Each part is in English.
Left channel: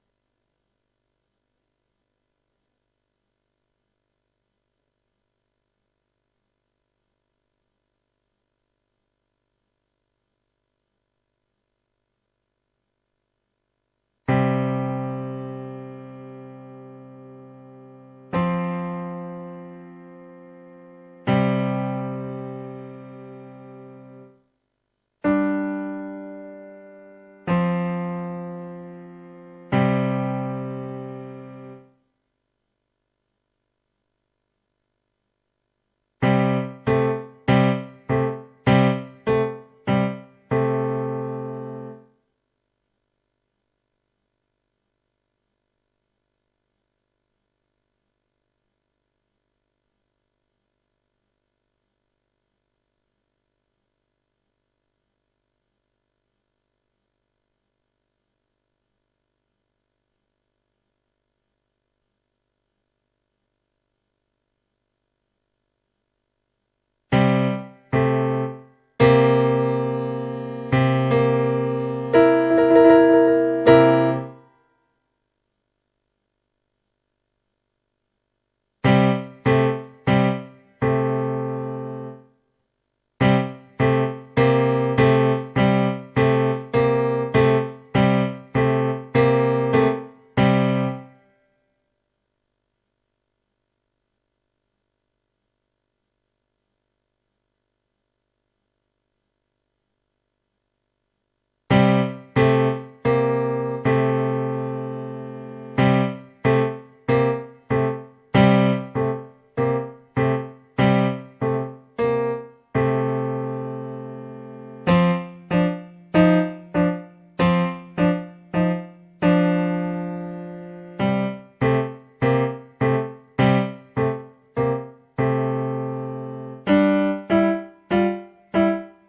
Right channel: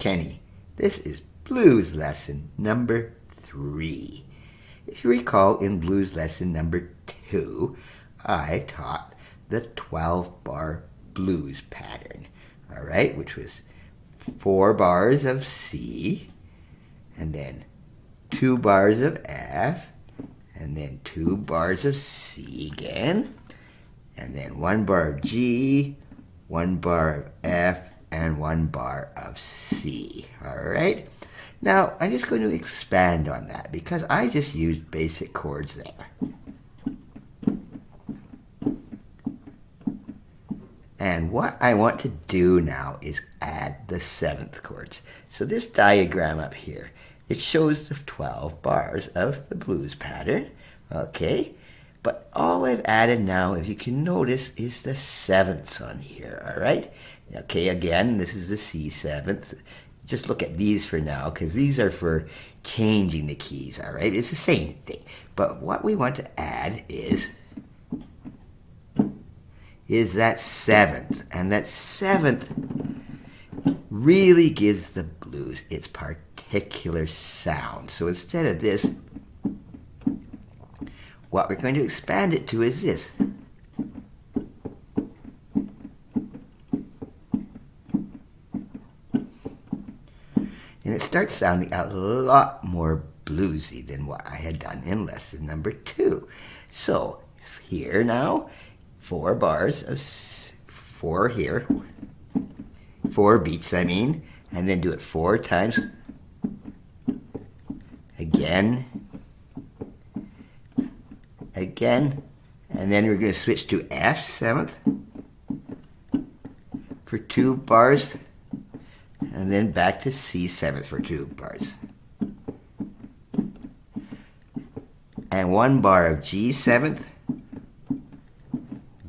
Kenny. This is blues lesson number 3. If you recall, in blues lesson number 2, I taught the 12-bar blues pattern, all right, which was 4 bars of C, and then 2 bars of F, and then 2 bars of C again, and then 1 bar of G, 1 bar of F, and 1 bar of C, all right? Now, I'm just going to expand on that because I just used basic chords there. And what I want to do now is add the 7th chords. So this diagram up here, it shows the 12 bars of the blues pattern, okay? But all I've added now, if you can notice, is the 7ths on here, all right? Okay, again, this is the C7th. Just look at these for now, because these are for changing the keys, all right? It's the same thing. But what we want to add is that 7th. And that 7th really gives the blues its particular sound. So instead of this, what we're going to expand it to is this. Starts sounding a lot more bluesy than what I had done in lesson number 2. So here now, 4 bars of 4 here, 4 beats I mean, and then do it 4 times. Again, and then we're going to switch to F 7th for 2 bars. And then back to C7th for 2 bars. And 1 bar of G7th,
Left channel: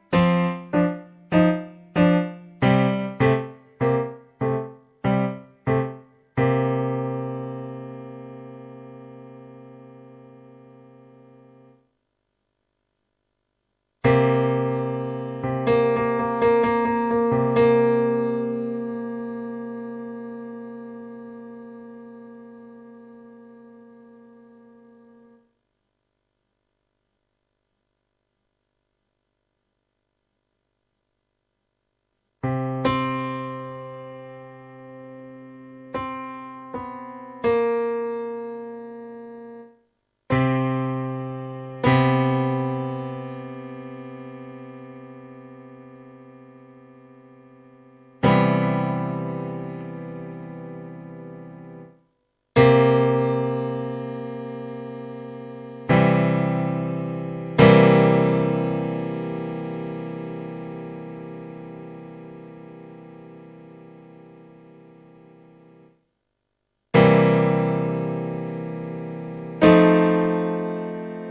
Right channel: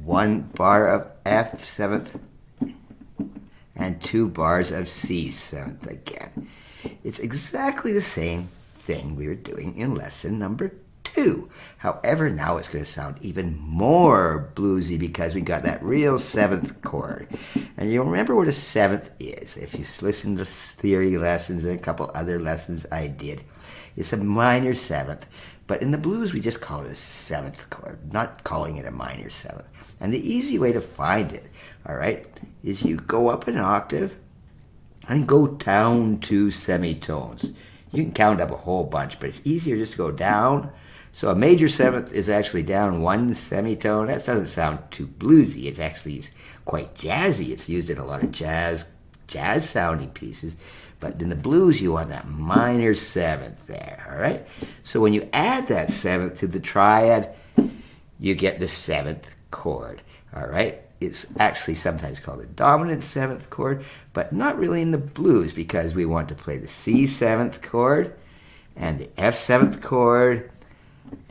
1 bar of F7th, and 2 bars of C7th again. It's exactly the same thing we were doing in lesson number 2. However, now it's going to sound even more bluesy because we got that real 7th chord. And you'll remember what a 7th is. If you listen to theory lessons and a couple other lessons I did, it's a minor 7th. But in the blues, we just call it a 7th chord, not calling it a minor 7th. And the easy way to find it, all right, is you go up an octave and go down 2 semitones. You can count up a whole bunch, but it's easier just to go down. So a major 7th is actually down 1 semitone. That doesn't sound too bluesy. It's actually quite jazzy. It's used in a lot of jazz sounding pieces. But in the blues, you want that minor 7th there, all right? So when you add that 7th to the triad, you get the 7th chord, all right? It's actually sometimes called a dominant 7th chord, but not really in the blues because we want to play the C7th chord and the F7th chord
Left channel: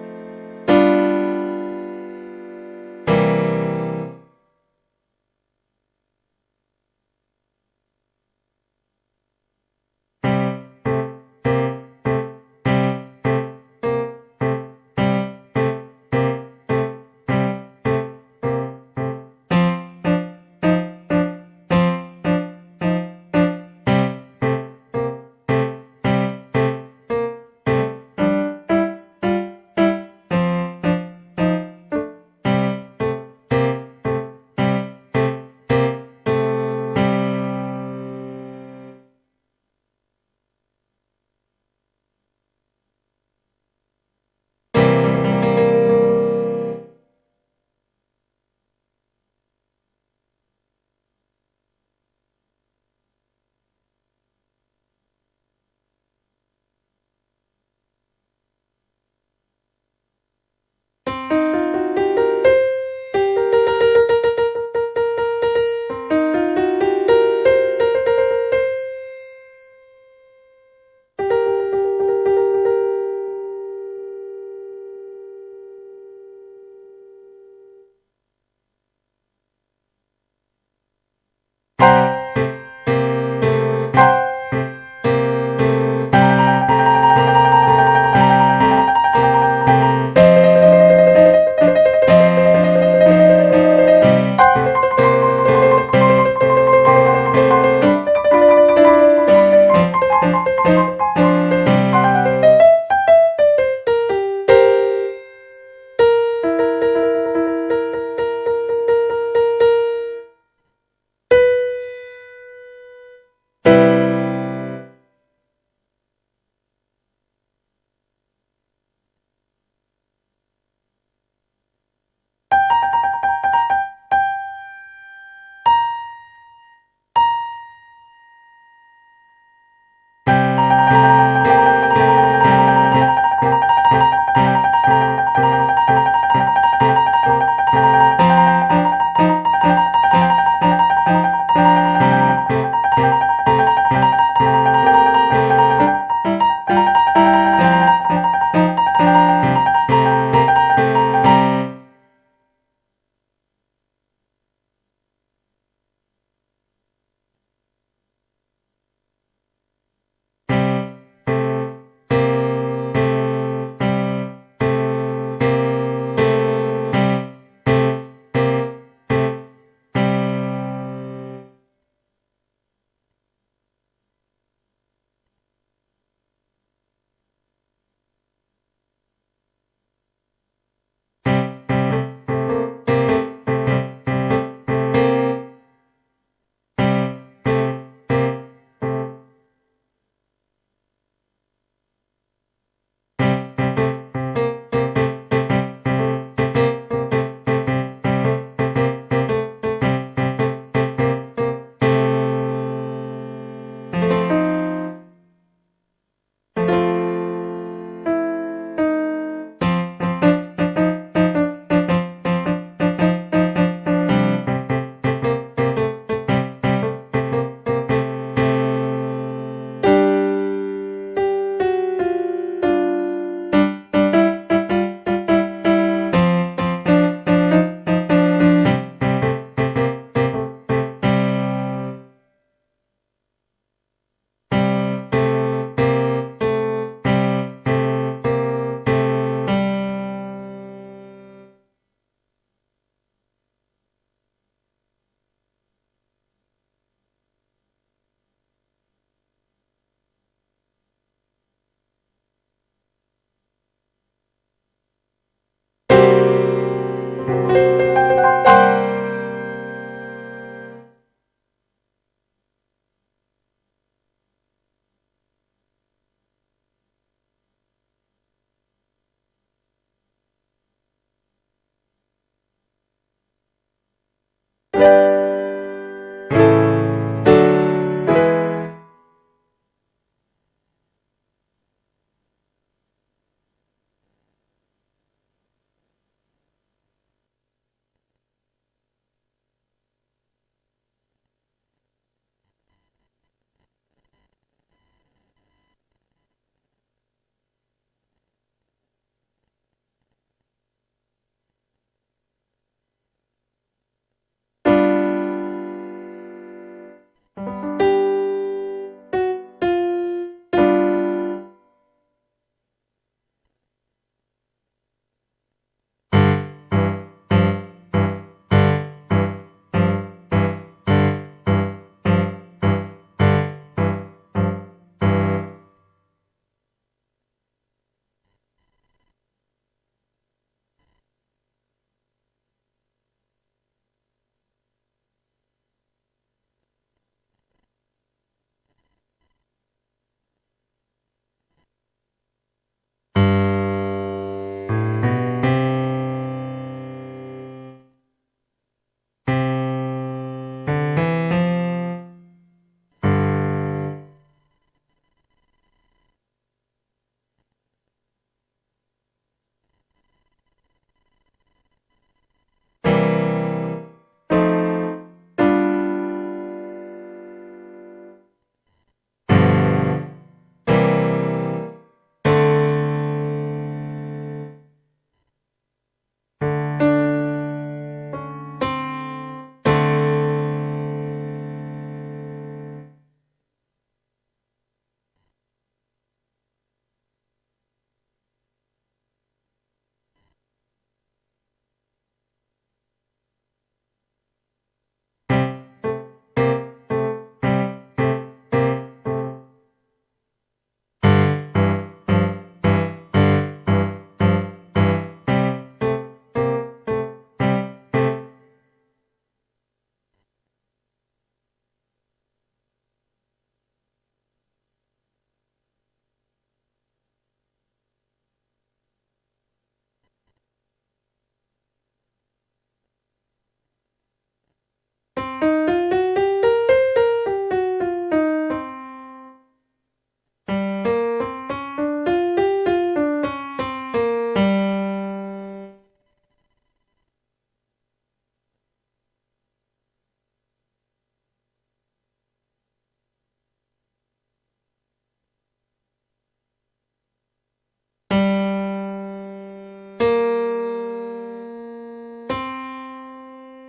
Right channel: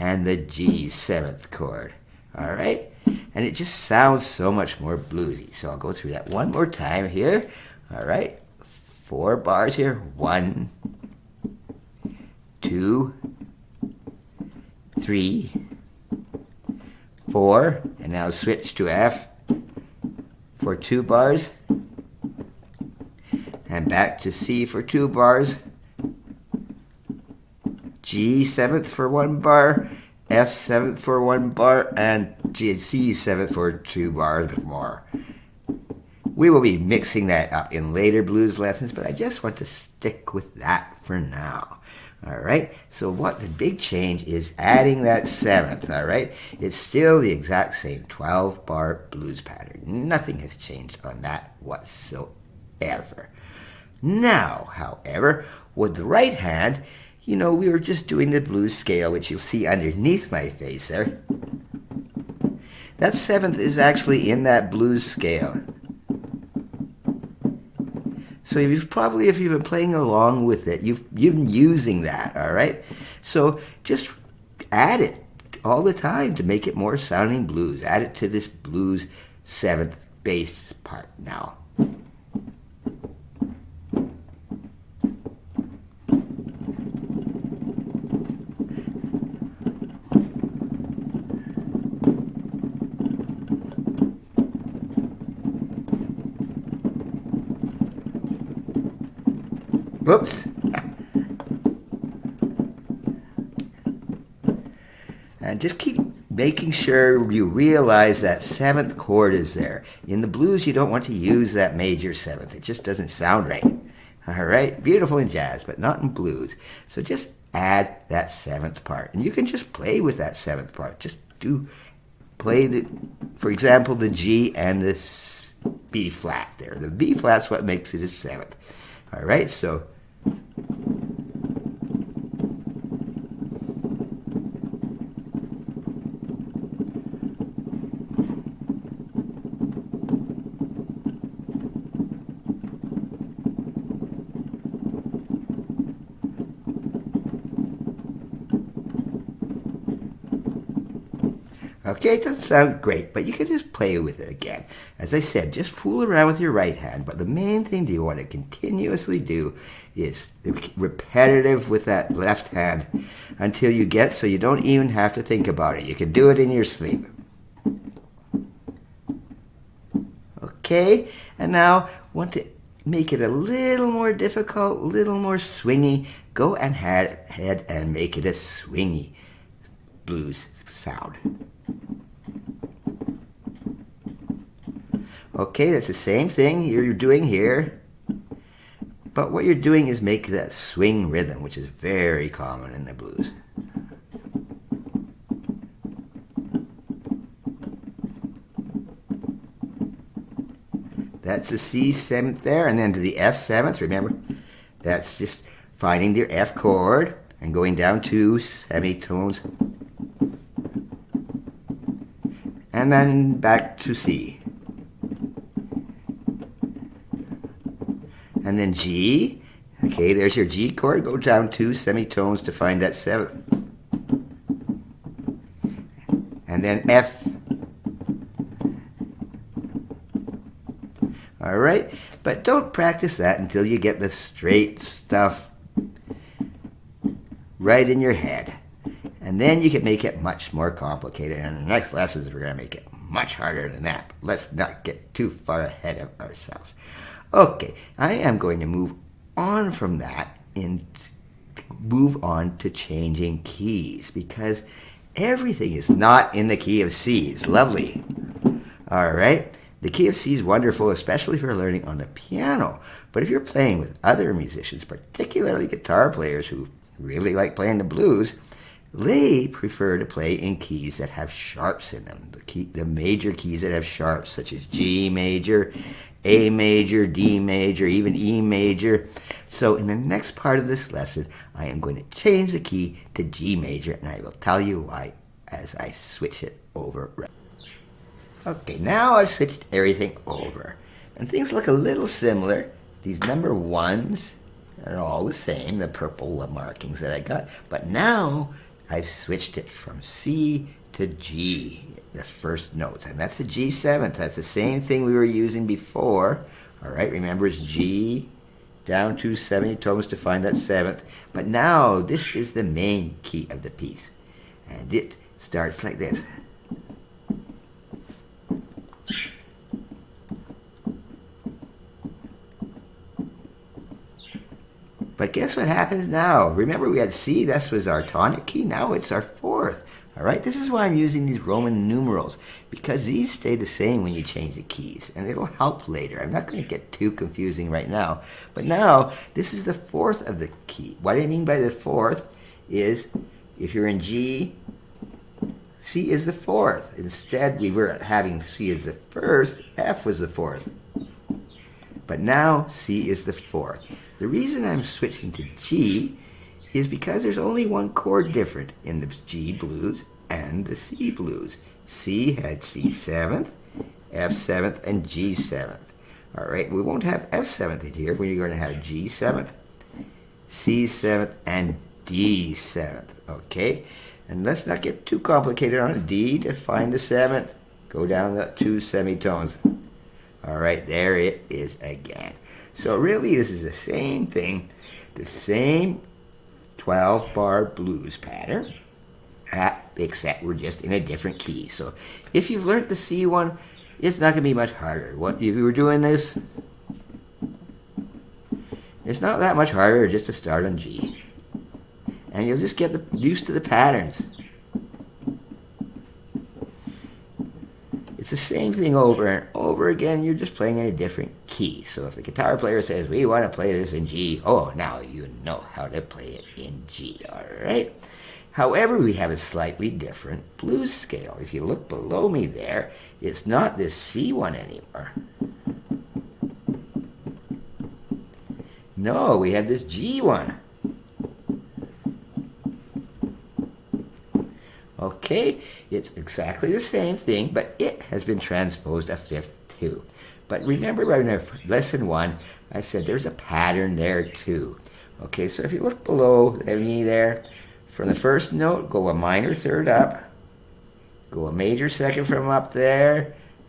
and the G7th chord, all right? And it just sounds so much more bluesy. So I'll go through that one more time here, all right? 4 bars here, 1, 2, 3, 4, and now switch to F for 2 bars, and back to C for 2 bars, G7th for 1 bar, F7th for 1 bar, and C7th for 2 bars more. We will be mixing that up in later blues lessons, but I just want to stick with that for now. All right, so what the big change is adding that 7th, all right? It's still the exact same 12-bar blues pattern. Nothing has changed on that whatsoever. Now, however, with the right hand, you know, we were just doing the blues scale, which you'll see underneath my face there. That 7th is actually in that blues scale. So you've probably, if you've been playing along with it, you've been using that, all right? So just add it all the time to make it more sounding blues. Add it to this blues 7th bass part now. And just keep making sure you realize that seventh chord is there. In the blues, you don't want to use that major seventh. It just doesn't sound right. All right, beautiful in jazz, but not in blues. So just add that seventh part. And you can just play with that seventh part. Just play, for example, the G and the B flat there. The B flat's what makes it a seventh. All right, so. Okay, it doesn't sound great, but you can just play with it again. As I said, just fool around with your right hand, but the main thing you want to continuously do is repetitive with that left hand until you get so you don't even have to think about it. You can do it in your sleep. Okay, and now want to make it a little more difficult, a little more swingy. Go and ahead and make it a swingy blues sound. Okay, that's the same thing you're doing here, but what you're doing is make that swing rhythm, which is very common in the blues. That's the C seventh there, and then to the F seventh, remember, that's just finding your F chord and going down 2 semitones, and then back to C. G. Okay, there's your G chord. Go down 2 semitones to find that seventh. And then F. Alright, but don't practice that until you get the straight stuff right in your head. And then you can make it much more complicated. And in the next lessons, we're going to make it much harder than that. But let's not get too far ahead of ourselves. Okay, I am going to move on from that and move on to changing keys because everything is not in the key of C. It's lovely. All right, the key of C is wonderful, especially if you're learning on the piano. But if you're playing with other musicians, particularly guitar players who really like playing the blues, they prefer to play in keys that have sharps in them. The major keys that have sharps, such as G major, A major, D major, even E major. So in the next part of this lesson, I am going to change the key to G major, and I will tell you why as I switch it over. Okay, now I've switched everything over, and things look a little similar. These number ones are all the same, the purple markings that I got, but now I've switched it from C to G. The first notes, and that's the G7th. That's the same thing we were using before. All right, remember it's G down 2 semitones to find that seventh. But now this is the main key of the piece, and it starts like this. But guess what happens now? Remember we had C, that was our tonic key. Now it's our fourth. All right, this is why I'm using these Roman numerals, because these stay the same when you change the keys, and it'll help later. I'm not going to get too confusing right now, but now this is the fourth of the key. What I mean by the fourth is if you're in G, C is the fourth. Instead, we were having C as the first, F was the fourth. But now C is the fourth. The reason I'm switching to G is because there's only one chord different in the G blues and the C blues. C had C7, F7, and G7. All right, we won't have F7 in here. We're going to have G7, C7, and D7. Okay, and let's not get too complicated on a D. To find the seventh, go down the 2 semitones. All right, there it is again. So really, this is the same thing, the same 12-bar blues pattern, except we're just in a different key. So if you've learned the C one, it's not going to be much harder. What if you were doing this? It's not that that much harder just to start on G. And you'll just get used to the patterns. It's the same thing over and over again. You're just playing in a different key. So if the guitar player says, we want to play this in G, oh, now you know how to play it in G, all right? However, we have a slightly different blues scale. If you look below me there, it's not this C one anymore. No, we have this G one. Okay, it's exactly the same thing, but it has been transposed a fifth too. But remember in lesson 1, I said there's a pattern there too. Okay, so if you look below me there, from the first note, go a minor third up, go a major second from up there,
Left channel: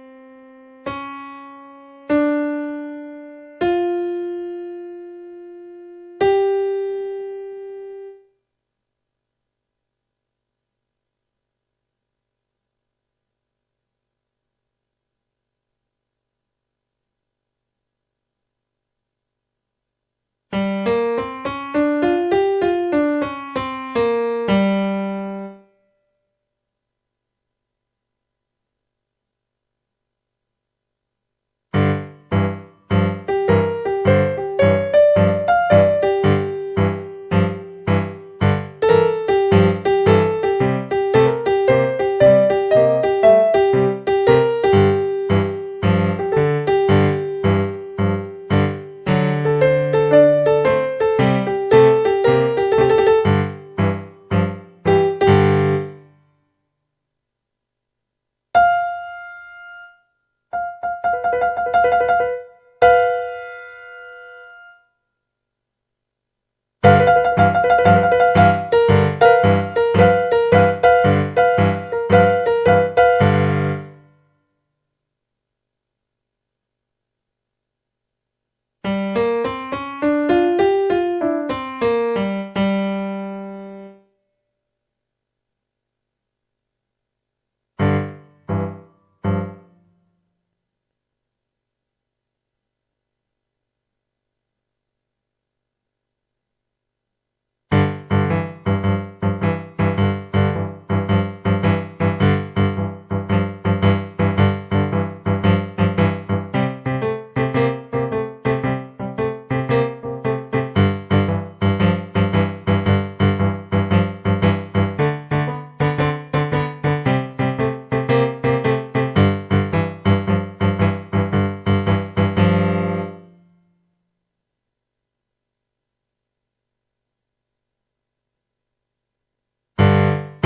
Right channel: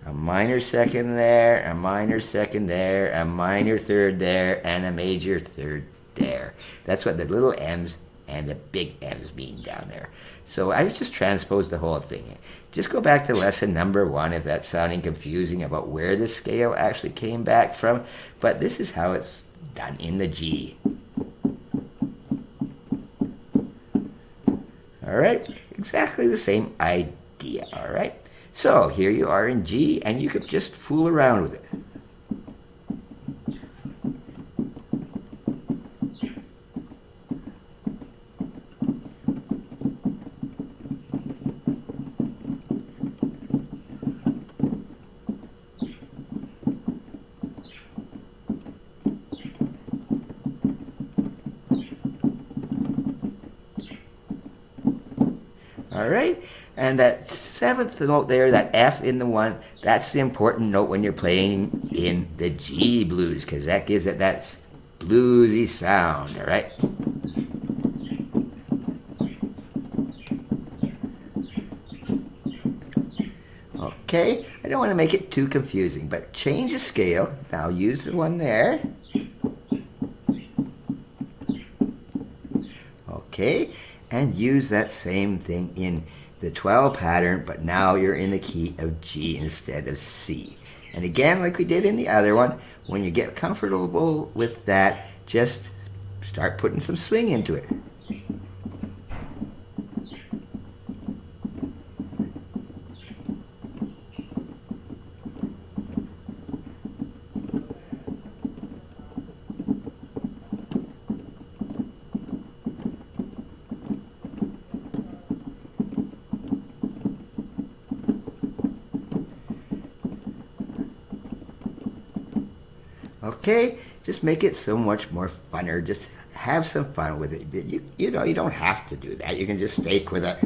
a minor second there, a minor second there, a minor third there, and a major third there. That's what the little M's and the big M's mean down there. So I just transposed the whole thing. Just go back to lesson number 1 if that's sounding confusing about where the scale actually came back from. But this is how it's done in the G. All right, exactly the same idea, all right? So here you are in G, and you could just fool around with it. And that 7th note there, that F in the 1, that's the important note when you're playing in the G blues, because that gives it that bluesy sound, all right? Okay, I don't want to make it too confusing, but change the scale. Now use the one there. Okay, and use that same thing in the 12 pattern, but now you're in the key of G instead of C. And again, like we did in the other one, when you get comfortable with that, just start putting some swing into it. Okay, just make it so much more funner. Just have some fun with it. You know, you don't have to do that. You can just take with it.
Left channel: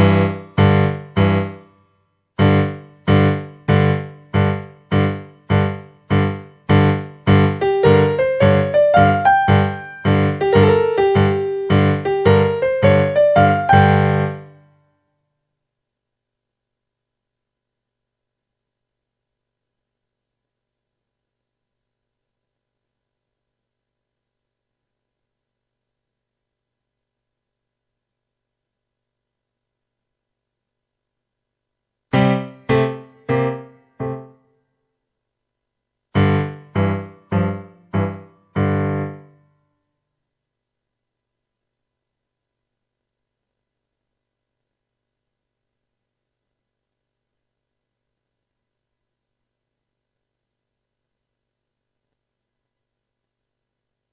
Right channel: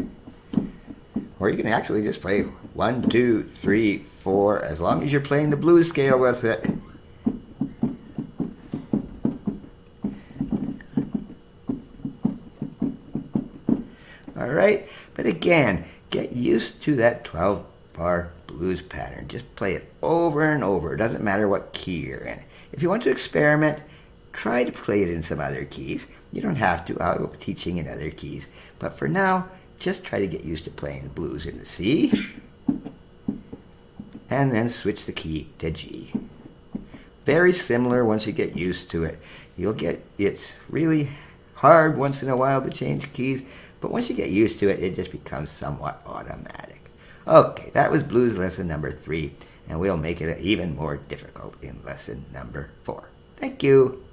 Or you can actually just play 1, 2, 3, 4, as long as you're playing the blues scale with it. All right, but again, get used to that 12-bar blues pattern. Just play it over and over. It doesn't matter what key you're in. If you want to experiment, try to play it in some other keys. You don't have to. I'll be teaching in other keys. But for now, just try to get used to playing the blues in the C. And then switch the key to G. Very similar once you get used to it. It's really hard once in a while to change keys. But once you get used to it, it just becomes somewhat automatic. Okay, that was blues lesson number 3. And we'll make it even more difficult in lesson number 4. Thank you.